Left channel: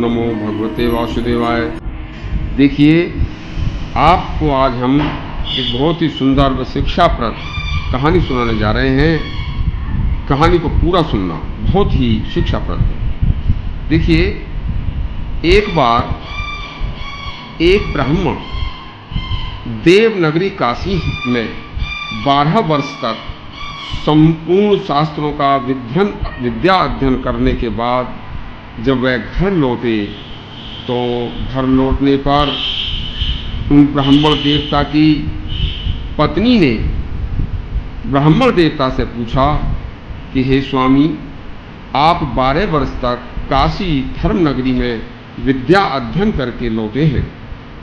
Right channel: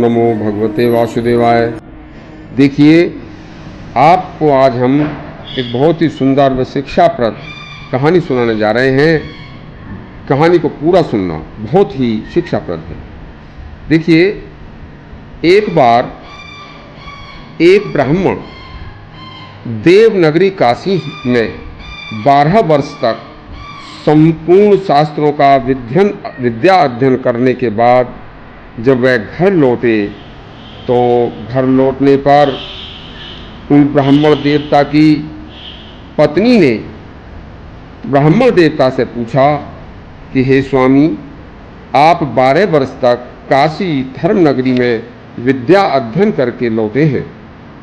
नमो भगवते वासुदेवाय। देखिए, आपको आज हम एक बहुत ही सुंदर व शिक्षाप्रद कहानी सुनाने जा रहे हैं। कहानी को पूरा सुनना, बहुत ही शिक्षाप्रद है। देखिए, एक बार एक ब्राह्मण देवनगरी काशी में 12 वर्ष तक संपूर्ण शास्त्रों का विद्या अध्ययन करने के बाद जब वह घर लौटे तो घर लौटने पर उन ब्राह्मण देवता की पत्नी ने ब्राह्मण देवता से पूछा कि हे स्वामी, आप 12 वर्ष तक काशी धर्म नगरी में विद्या अध्ययन करके लौटे हैं,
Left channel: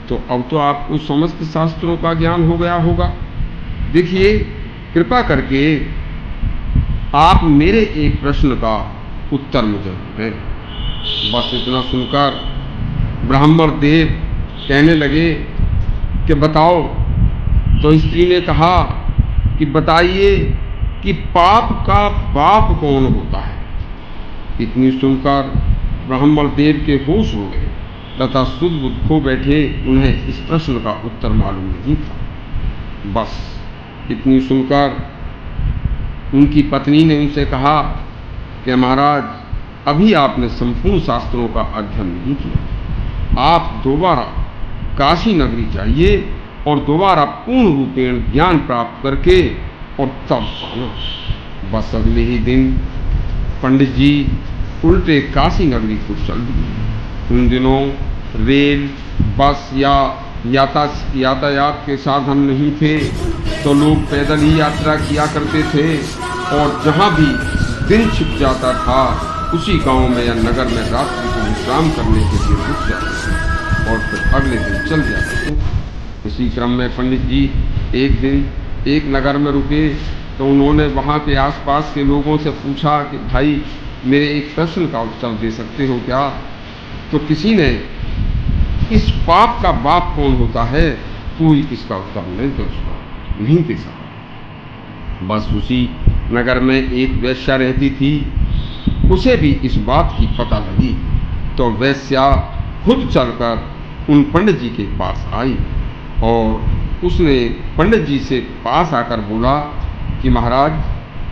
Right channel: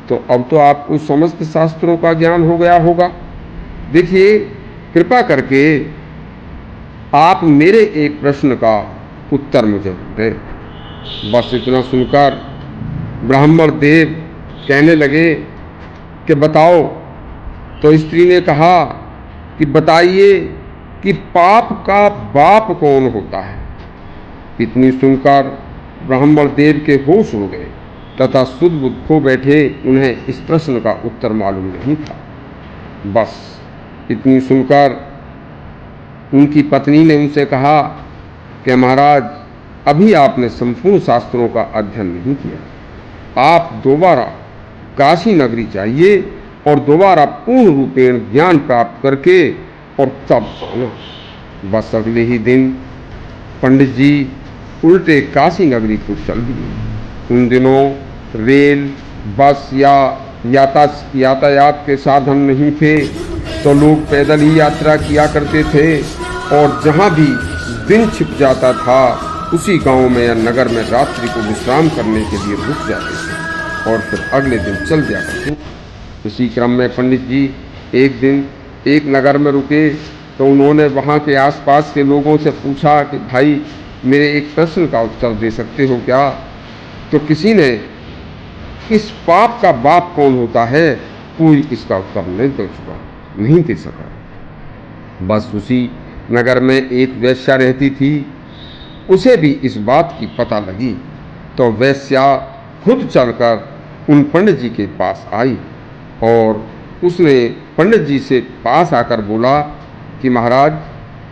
तो अब तो आपको समस्त शास्त्रों का ज्ञान हो गया होगा। देखिए, कृपा करके आप मेरे एक प्रश्न का उत्तर मुझे दें। बस इतना सुनकर ब्राह्मण देव कहने लगे कि बताओ। तो स्त्री ने कहा कि बताइए कि पाप का बाप कौन होता है। इतनी सुनकर ब्राह्मण देव के होश उड़ गए तथा सुध बुद्ध खो बैठे। उन्हें इस प्रश्न का उत्तर मालूम नहीं था। बस इतनी सुनकर उनकी पत्नी ने उनसे कहा कि महाराज, अभी आपने संपूर्ण शास्त्रों का अध्ययन नहीं किया। आप दोबारा काशी नगरी जाइए और दोबारा पूर्ण रूपेण ज्ञान प्राप्त करके और तब आना। बस अगले ही दिन पंडित जी उल्टे काशी नगरी को चल दिए। उन दिनों रेल, बस या यातायात के साधन नहीं थे, तो लोग पैदल ही यात्रा किया करते थे और जहाँ भी दिन छिप जाता था उसी गांव में या नगर में रात्रि को विश्राम करने के लिए रुक जाते थे और फिर अगले दिन चल जाते थे। इसी क्रम में पंडित जी एक दिन एक नगर में रुके तो उन्होंने वहाँ के आसपास के लोगों से पूछा कि भाई, मेरे एक प्रश्न का उत्तर दे सकते हो क्या? तो किसी ने इस पाप का बाप कौन होता है, कोई इसका उत्तर नहीं दे सका। बस उसी नगर में एक वेश्या रहती थी। उसे भी इस बात की पता लगी तो वेश्या खुद चलकर उन पंडित जी के पास आई और उसने पंडित जी से पास आकर बोला कि महाराज,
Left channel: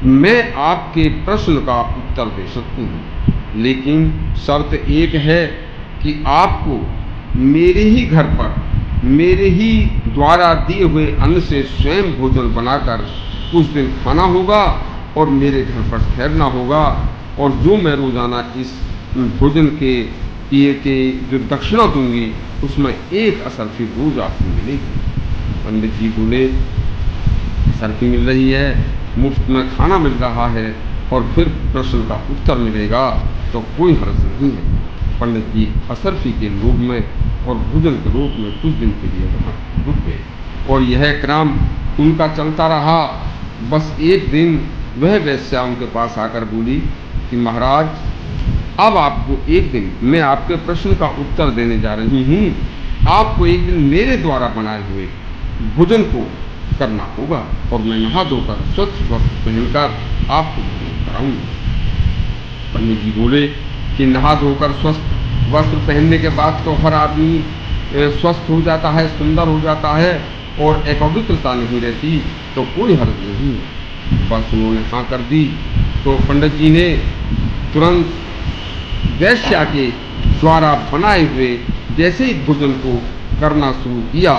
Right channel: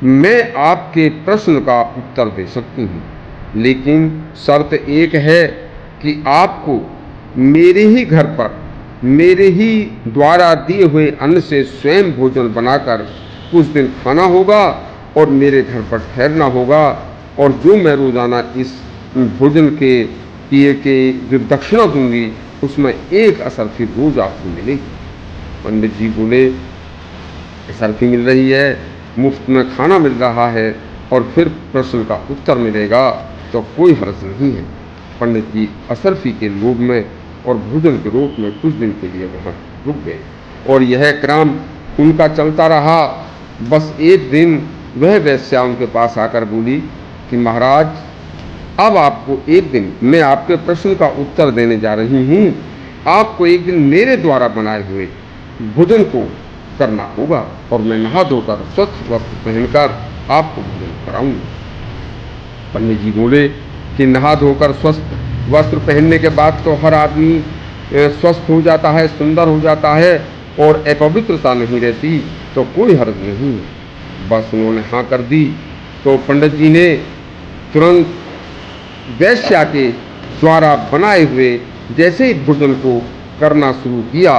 मैं आपके प्रश्न का उत्तर दे सकती हूँ, लेकिन शर्त एक है कि आपको मेरे ही घर पर मेरे ही द्वारा दिए हुए अन्न से स्वयं भोजन बनाकर कुछ दिन खाना होगा और मेरे घर पर ठहरना होगा, और जो मैं रोजाना इस भोजन के पिए के जो दक्षिणा दूंगी उसमें एक असरफी रोज आपको मिलेगी। पंडित जी बोले, असरफी मिल रही है, मुफ्त में खाना मिल रहा है और फिर प्रश्न का उत्तर मिलेगा तो कोई हर्ज नहीं है। पंडित जी असरफी के लोभ में और भोजन के रूप में कुछ दिन के लिए वहाँ रुक गए और यह क्रम उनका चलता रहा। बस एक दिन वह वेश्या उनके पास आकर बोली कि महाराज, अब आपको एक दिन मैं आपके प्रश्न का उत्तर देने जा रही हूँ। आपको एक दिन मेरे द्वारा बनाए हुए भोजन को करना होगा और मैं नहा धोकर स्वस्थ वस्त्र पहनकर आपको भोजन कराऊंगा। पंडित जी बोले कि नहा धोकर स्वस्थ वस्त्र पहनने के बाद तो हर आदमी स्वस्थ हो जाता है, सुंदर हो जाता है और अपवित्रता नहीं रहती, तो कोई हर्ज नहीं। बस उन्होंने हाँ कर दी तो पंडित जी ने तुरंत वेश्या के द्वारा बनाए हुए जैसे ही भोजन को करना शुरू किया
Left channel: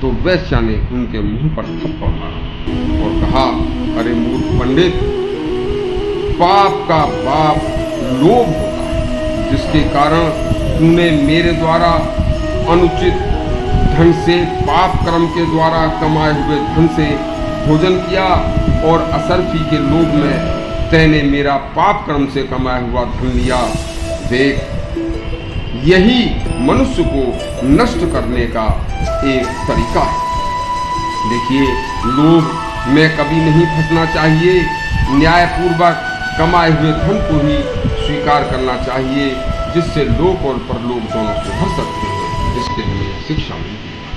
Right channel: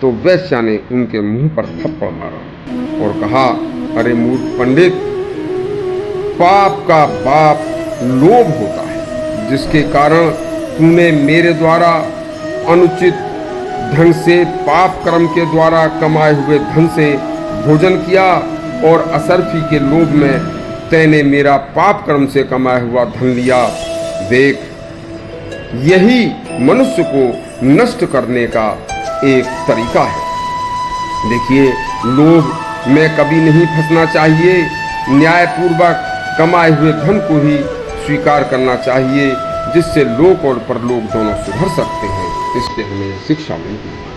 तो वेश्या ने उनके मुंह पर थप्पड़ मारा और कहा, अरे मूर्ख पंडित, पाप का बाप लोभ होता है, जिसके कारण तूने मेरे द्वारा अनुचित ढंग से पाप कर्म के द्वारा कमाए हुए धन से भोजन किया और असरफी के लोभ में तैने मेरा पाप कर्म से कमाया हुआ धन लिया। देख, यही मनुष्य को नष्ट करने का एक तरीका है। देखिए, लोभ में कभी नहीं फंसना चाहिए। न्यायपूर्वक कमाए हुए धन को ही स्वीकार करना चाहिए, जिससे लोक और परलोक दोनों सुधर सकते हैं। इससे हमें शिक्षा मिलती है।